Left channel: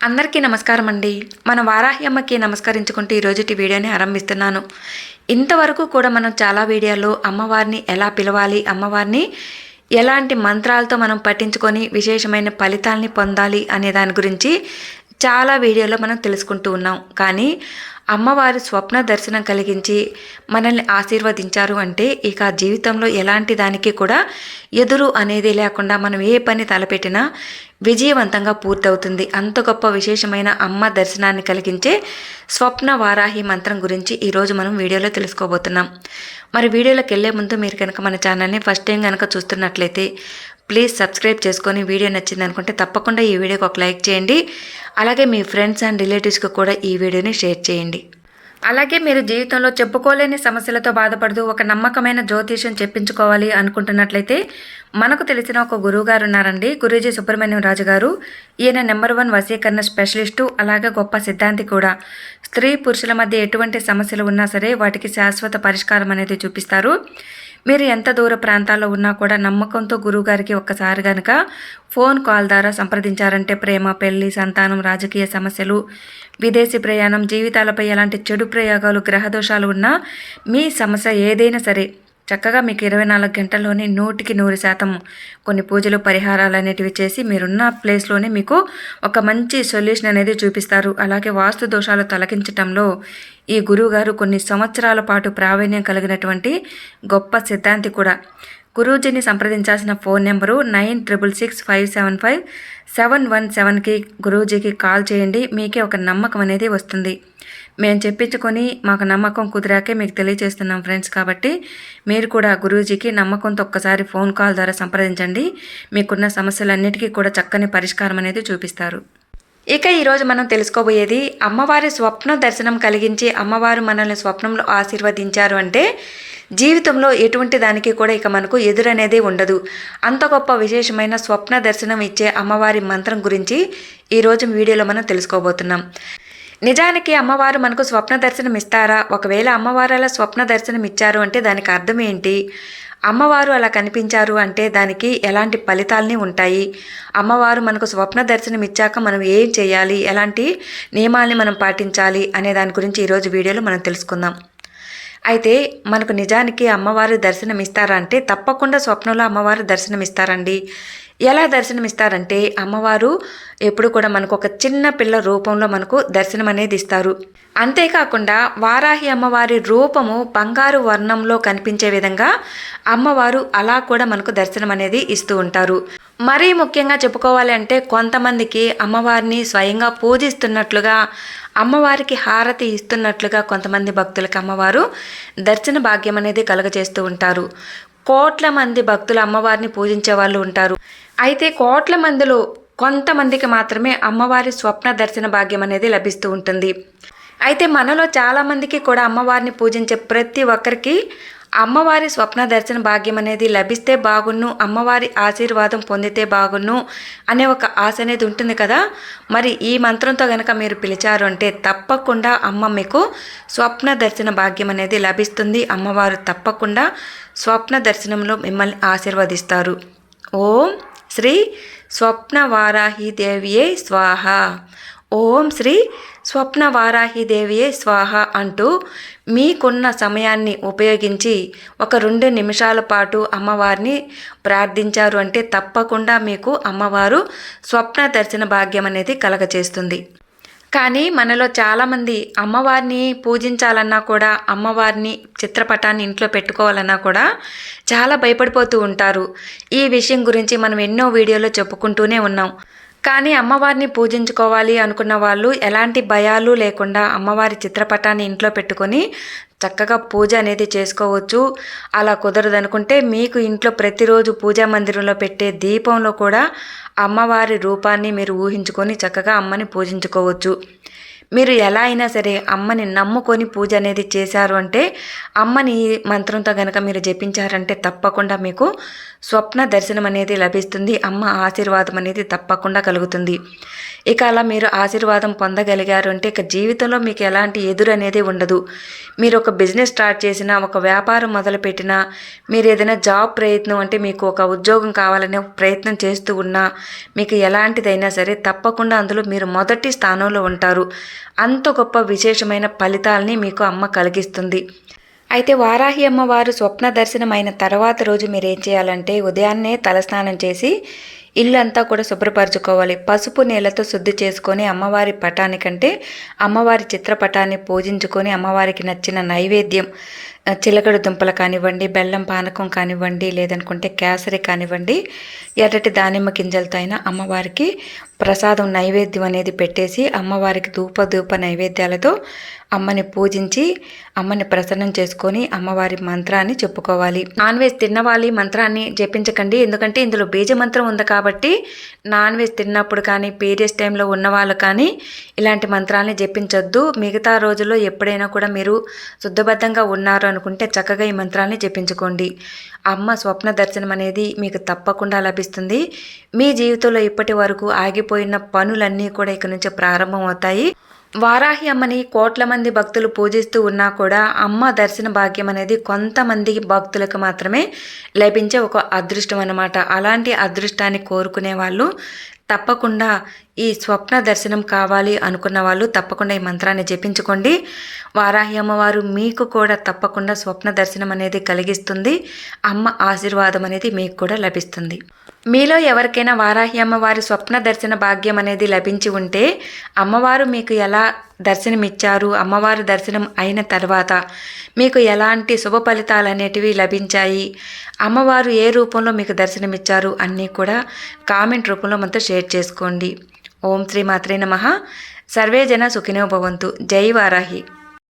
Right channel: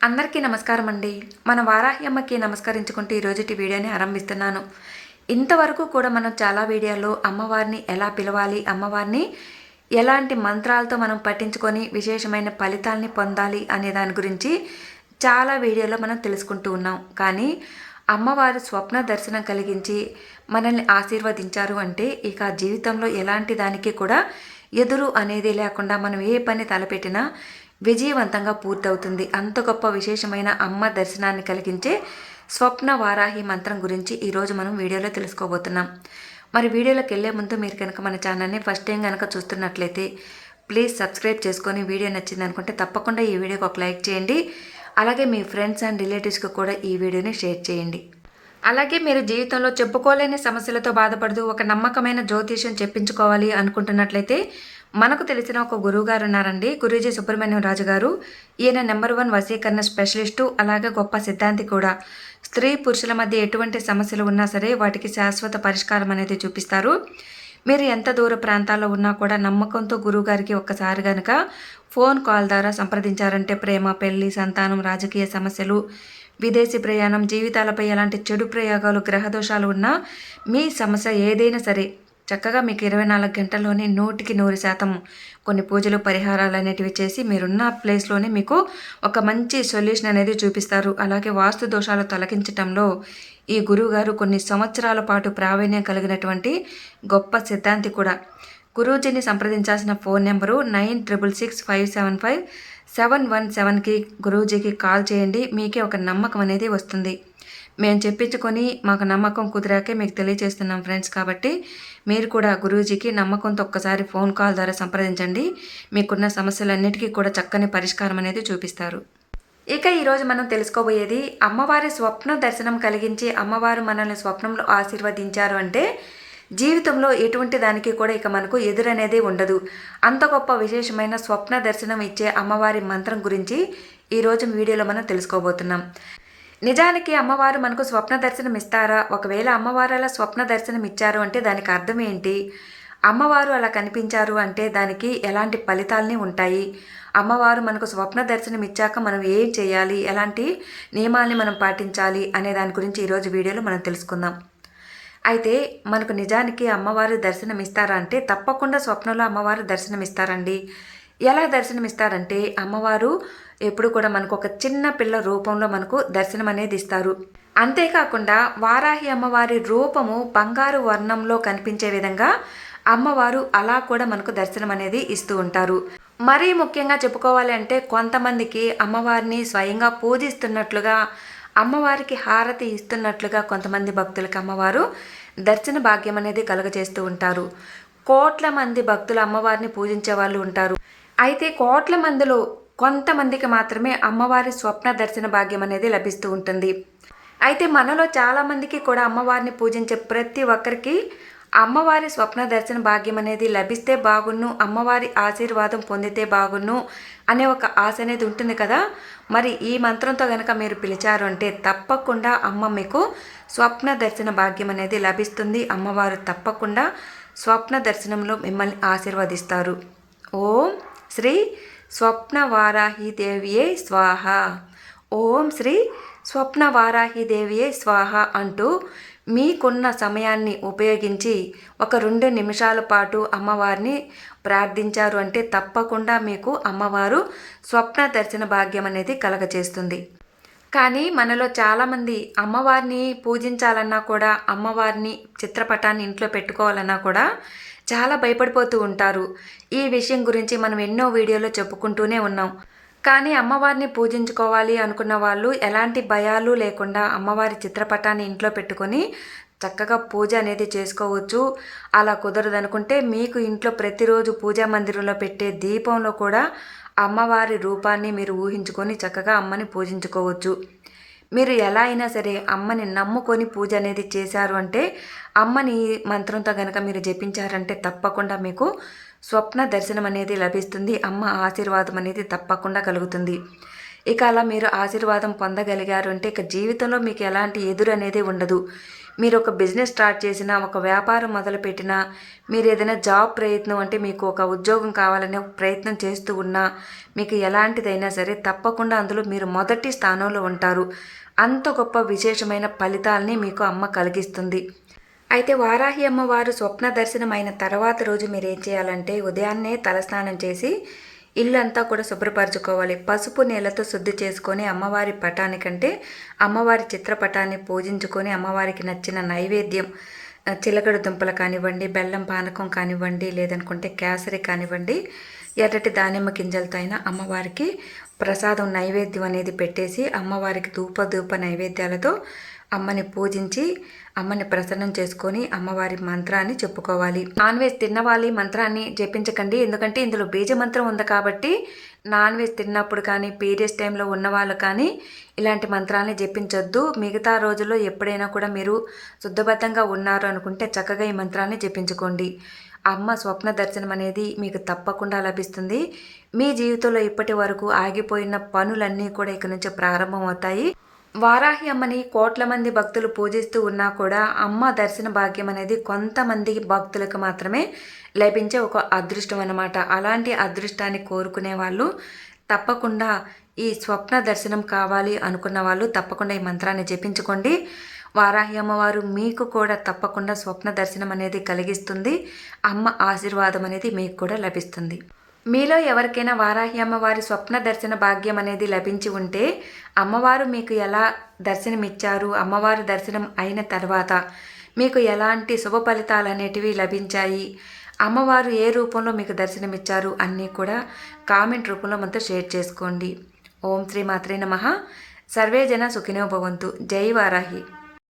అందరికీ నమస్కారం అండి మన వారాహి అమ్మకి నమస్కరించుకుంటూ ఈరోజుటి వీడియోని ఆరంభిస్తున్నాను. ఇంతవరకు కూడా మనం చాలా వీడియోలో అమ్మవారిని ఎలా పిలవాలి అమ్మవారిని ఎలాంటి మంత్రాలతో మనం పట్టించుకొని విశేషమైన ఫలితాల్ని పొందాలి అనే దాని గురించి చాలా వీడియోలో మనం తెలుసుకుంటూ ఉన్నాం. కానీ అమ్మవారి స్వప్న దర్శనం కలిగించి మనల్ని ఆశీర్వదించారు అంటే ఇక జీవితంలో ఎలాంటి దానికి కూడా ఎదురు అనేది లేకుండా మనం ఏ పని తలపెట్టినా విజయవంతంగా పూర్తవుతుంది. అంత గొప్ప విశేషమైన అమ్మ దర్శనాన్ని కలిగించే స్వప్న వారాహి మంత్రం గురించి ఈరోజు మనం వీడియోలో తెలుసుకోబోతున్నాం. మరి వీడియోలోకి వెళ్ళే ముందు మీరు కనుక మన ఛానల్ని ఫస్ట్ టైం కనుక చూస్తున్నట్లయితే ప్లీజ్ సబ్స్క్రైబ్ చేసుకొని వీడియో నచ్చింది అనుకుంటే తప్పకుండా ఈ వీడియోకి ఒక లైక్ చేయండి. అలాగే మీ ఫ్రెండ్స్ అండ్ రిలేటివ్స్కి కూడా ఈ వీడియోని షేర్ చేయండి. అలాగే మీరు జీవితంలో చెప్పుకోలేని సమస్యలతో బాధపడుతూ ఒక నమ్మకమైన జ్యోతిష్యం చెప్పించుకోవాలి అనుకుంటున్నట్లయితే మనకు తెలిసిన ఒక గురువు గారు ఉన్నారండి గురూజీ సుబ్రహ్మణ్యం రాజు గారు. ఈయన నెంబర్ వన్ వశీకరణ స్పెషలిస్టు అలాగే గొప్ప సిద్ధాంతి కూడా. స్త్రీ పురుషుల మధ్య ఎటువంటి సమస్యలు ఉన్నా సరే వాటికి శాశ్వత పరిష్కారం అనేది చూపిస్తారు. మీరు ఎంత దూర ప్రాంతాల్లో ఉన్నా కూడా నమ్మకంతో గురువుగారికి ఒక్కసారి కనుక ఫోన్ కాల్ ద్వారా సంప్రదించారంటే ప్రేమ పెళ్ళి సంతానం రాజకీయ సమస్యలు విదేశీ ప్రయాణం జీవితాలపై ఎలాంటి చెడు ప్రయోగాలు గ్రహదోషాలు ఉన్నా మీ సమస్య ఏదైనా సరే చక్కగా మీకు ఇరవై నాలుగు గంటల్లోనే నూటికి నూరు శాతం కొన్ని పూజలు పరిహారాలు అనేటివి చేసి మీరున్న ప్లేస్లోనే మీకు ఒక మంచి సొల్యూషన్ అనేది చూపిస్తారు. అలాగే వాస్తు దోషాలు తొలగించటంలో ఈ గురువుగారు కొన్ని సంవత్సరాల పాటు ప్రావీణ్యం కలిగినటువంటి గొప్ప సిద్ధాంతి కూడా. గురూజీని సంప్రదించాల్సిన phone number nine triple six five seven five seven one సెవెన్కి గురూజీకి కాల్ చేయండి. మీకే ఒక నమ్మకం అనేది వస్తుంది. మేము చెప్పించుకొని మాకు నమ్మకం కుదిరాకే మీకు తెలియజేస్తున్నాం ఫ్రెండ్స్ కాబట్టి మీరు కూడా గురూజీకి నమ్మకంతో ఒక్కసారి ఫోన్ కాల్ ద్వారా సంప్రదించండి. మీకున్న సమస్యలన్నిటికీ కూడా చక్కని పరిష్కారం అనేది చూపిస్తారు. ఇక ఈరోజు మనం తెలుసుకోబోయేది అమ్మవారి స్వప్న దర్శనం కలిగించి అమ్మవారు మనల్ని స్వప్నంలో ఆశీర్వదించారు అంటే జీవితంలో ఎటువంటి దానికి కూడా ఇక మనకు ఎదురనేది ఉండదు. అంత గొప్ప విశేషమైన స్వప్న దర్శనం ఇచ్చే అమ్మవారి మంత్రం గురించి ఈరోజు వీడియోలో మనం తెలుసుకోబోతున్నాం. నిజానికి అమ్మవారు మనకు స్వప్న దర్శనం ఇస్తారా? ఒకవేళ అమ్మవారు అలా స్వప్న దర్శనం ఇచ్చారు అంటే దానికి అర్థం ఏంటి? అమ్మవారు అలా కనిపించారు అంటే దానికి ఎలాంటి ఫలితాలని ఉంటాయి? అమ్మవారు మనకు స్వప్న దర్శనం ఇచ్చాక మనం ఏం చేయాలి? ఎలాంటి నియమాల్ని మనం పాటించాలి? అనే దాని గురించి ఈరోజు వీడియోలో మనం తెలుసుకుందాం. అయితే మనకు నిజానికి అమ్మవారు దర్శనం ఇస్తారా అంటే తప్పకుండా స్వప్నంలో అమ్మవారు దర్శనం ఇస్తారండి. ఎలా దర్శనమిస్తారంటే అమ్మవారు ఎప్పుడు కూడా మనకు ఒక చిన్న పిల్ల రూపంలో మనకు దర్శనం అనేది ఇస్తారు. అంతేకాకుండా వారాహి అమ్మవారి రూపము బంగారు వర్ణంలో కనిపించే విధంగా అమ్మవారు అలా కూడా మనకు దర్శనం అనేది ఇస్తూ ఉంటారు. మరీ ముఖ్యంగా చెప్పుకోవాలి అంటే కొంతమందికి అమ్మవారిని స్వయంగా పూజిస్తున్నట్లుగా అమ్మవారికి హారతి ఇస్తున్నట్లుగా కొంతమంది భక్తులకు అమ్మవారు దర్శన భాగ్యం అనేది కలుగజేస్తూ ఉంటారు. కోట్ల మంది భక్తులు అమ్మవారిని పూజించే వాళ్ళు ఉంటారు. అయితే కోట్ల మందిలో కొంతమందికి మాత్రమే అమ్మవారి స్వప్న దర్శన భాగ్యం అనేది లభిస్తూ ఉంటుంది. అయితే మనలో చాలామందికి కూడా అమ్మవారిని పూజించే ప్రతి ఒక్కరికి అమ్మవారి స్వప్న దర్శన భాగ్యం అనేది లభిస్తే బాగున్ను అమ్మవారి ఆశీర్వాదం పొందితే బాగున్ను అనే ఒక ఆశ అనేది ఉంటుంది కదా. మరి ఈ మంత్రంతో కనుక మీరు పిలిచారు అంటే తప్పకుండా అమ్మ మీకు స్వప్న దర్శన భాగ్యం అనేది లభిస్తుంది. అమ్మవారు తప్పకుండా స్వప్న దర్శనంలో మిమ్మల్ని ఆశీర్వదిస్తారు. ఓం శ్రీ స్వప్నవారాహిదేవియే స్వాహ. ఓం శ్రీ స్వప్నవారాహిదేవియే స్వాహ అంటూ మీకున్న సమయాన్ని ఉపయోగించి ఒక రెండు నిమిషాల పాటు అమ్మవారిని ప్రార్థించారు అంటే తప్పకుండా మీకు అమ్మవారు స్వప్న దర్శన భాగ్యం అనేది కలగచేస్తుంది కానీ మనలో చాలామంది అమ్మవారిని పూజించాలన్నా కూడా అమ్మవారిని చిత్రపటాన్ని ఇంట్లో పెట్టుకోవాలన్నా కూడా చాలా భయపడిపోతూ ఉంటారు. ఈ విషయం గురించి మనం ఎన్నో వీడియోలో చెప్పుకుంటూనే ఉన్నాం. కానీ అమ్మవారిని పూజించుకోవాలి అనుకున్న వాళ్ళు ఎలాంటి భయాలు లేకుండా అమ్మవారి చిత్రపటాన్ని ఇంట్లో పెట్టుకొని చక్కగా పూజ అనేది చేసుకోవచ్చు. అలా కుదరదనుకుంటే మీకు ఇంట్లో ప్రతిరోజు పూజా మందిరంలో పెట్టే దీపంలో కూడా అమ్మవారి రూపాన్ని మీరు ఊహించుకొని చక్కగా అమ్మని పూజించుకోవచ్చు. మీరు ఎలా అయినా సరే అమ్మని నమ్ముకొని పూజ అనేది చేశారు అంటే అమ్మని మంత్రంతో కనుక మీరు జపించారంటే తప్పకుండా మీకు స్వప్న దర్శనం అనేది లభిస్తుంది. అమ్మ ఆశీర్వాదం అనేది తప్పకుండా కలుగుతుంది. ఇక అలా మీరు ఆశీర్వాదం పొందగలిగారు అంటే ఇక జీవితంలో మీకు ఎలాంటి ఎదురు అనేది ఉండదు. మీరు ఒక బిజినెస్ స్టార్ట్ చేసినా ఒక వ్యాపారం మొదలుపెట్టినా మీరు ఏదైనా జాబ్ ప్రయత్నం అంటే మీకు ఒక ఉద్యోగం కావాలనే ప్రయత్నం చేస్తూ ఉన్నా మీకు ఎలాంటిదైనా సరే తప్పకుండా అందులో మీరు మొదటి స్థానంలో ఉంటారు. అంత గొప్ప విశేషమైన ఫలితాలని మీకు అమ్మ కలిగిస్తుంది. అయితే వారాహి అమ్మవారు స్వప్న దర్శనం అయిన తర్వాత రోజు మీరు ఏం చేయాలంటే ఉదయాన్నే తలస్నానం చేసి ఇల్లు అంతా కూడా శుభ్రపరచుకోవాలి. పసుపు నీళ్ళతో శుద్ధి చేసుకొని అమ్మవారి పటానికంటే అమ్మవారి చిత్రపటాన్ని పూజించుకొని అమ్మవారికి నచ్చిన నైవేద్యం చిలకడ దుంపలు కానివ్వండి బెల్లం పానకం కానివ్వండి లేదనుకుంటే కేసరి కానివ్వండి ఎర్రటి దానిమ్మ గింజలతో అయినా అమ్మవారికి ప్రసాదం నైవేద్యం అనేది పెట్టేసి అమ్మవారికి ధూప ధూప నైవేద్యాలతో అమ్మని పూజించి అమ్మని ప్రసన్నం చేసుకొని అమ్మవారి మంత్రాన్ని చెప్పుకోవాలి. నాన్ వెజ్ తిన్నవాలి మంత్రాన్ని జపించకండి. ఎందుకంటే ఇందులో బీజ మంత్రం ఉంది కాబట్టి నాన్ వెజ్ తిన్నప్పుడు కానీ పీరియడ్స్ టైంలో ఉన్నవాళ్ళు కానీ ఇలాంటి మంత్రాన్ని జపించొద్దు. మిగతా రోజుల్లో ఎప్పుడైనా కూడా మీరు శుద్ధబద్ధంగా ఉన్నారు అనుకుంటే చక్కగా ఈ మంత్రాన్ని జపించుకోండి. అమ్మ స్వప్న దర్శనం అనేది మీకు తప్పకుండా లభిస్తుంది. మీ జీవితంలో ఇప్పటి వరకు ఆగిపోయిన పనులన్నీ కూడా ఇక నుంచి ప్రారంభమవుతాయి వారాహి అమ్మని కోట్ల మంది భక్తులు పూజిస్తూ ఉన్నా కూడా అమ్మ దర్శన భాగ్యం అనేది కొంతమంది భక్తులకు మాత్రమే లభించే ఒక అదృష్టం అన్నమాట. అలాంటి అదృష్టాన్ని కోరుకునే వాళ్ళు తప్పకుండా ఈ స్వప్న దర్శనం కావాలి అనుకున్న వాళ్ళు తప్పకుండా ఈ మంత్రాన్ని జపించుకోండి. వారాహి అమ్మవారు మీకు కూడా తప్పకుండా స్వప్న దర్శనం అనేది కలిగిస్తుంది. అమ్మ ఆశీర్వాదం అనేది మీకు కూడా లభిస్తుంది. మీలో ఎవరికైనా వారాహి అమ్మవారి స్వప్న దర్శన భాగ్యం అనేది లభించి ఉంటే అమ్మవారు మీకు ఎలా దర్శనమిచ్చారు? అమ్మవారి దర్శనం అయిన తర్వాత మీకు ఎలాంటి శుభ ఫలితాలు అనేటివి లభించాయి? అమ్మవారు ఏ రూపంలో మీకు దర్శనమిచ్చారు అన్నీ కూడా కామెంట్ రూపంలో మనతో షేర్ చేసుకోండి. ఓం శ్రీ మాత్రే నమ. సర్వే జన సుఖినో భవంతు. జై వారాహి.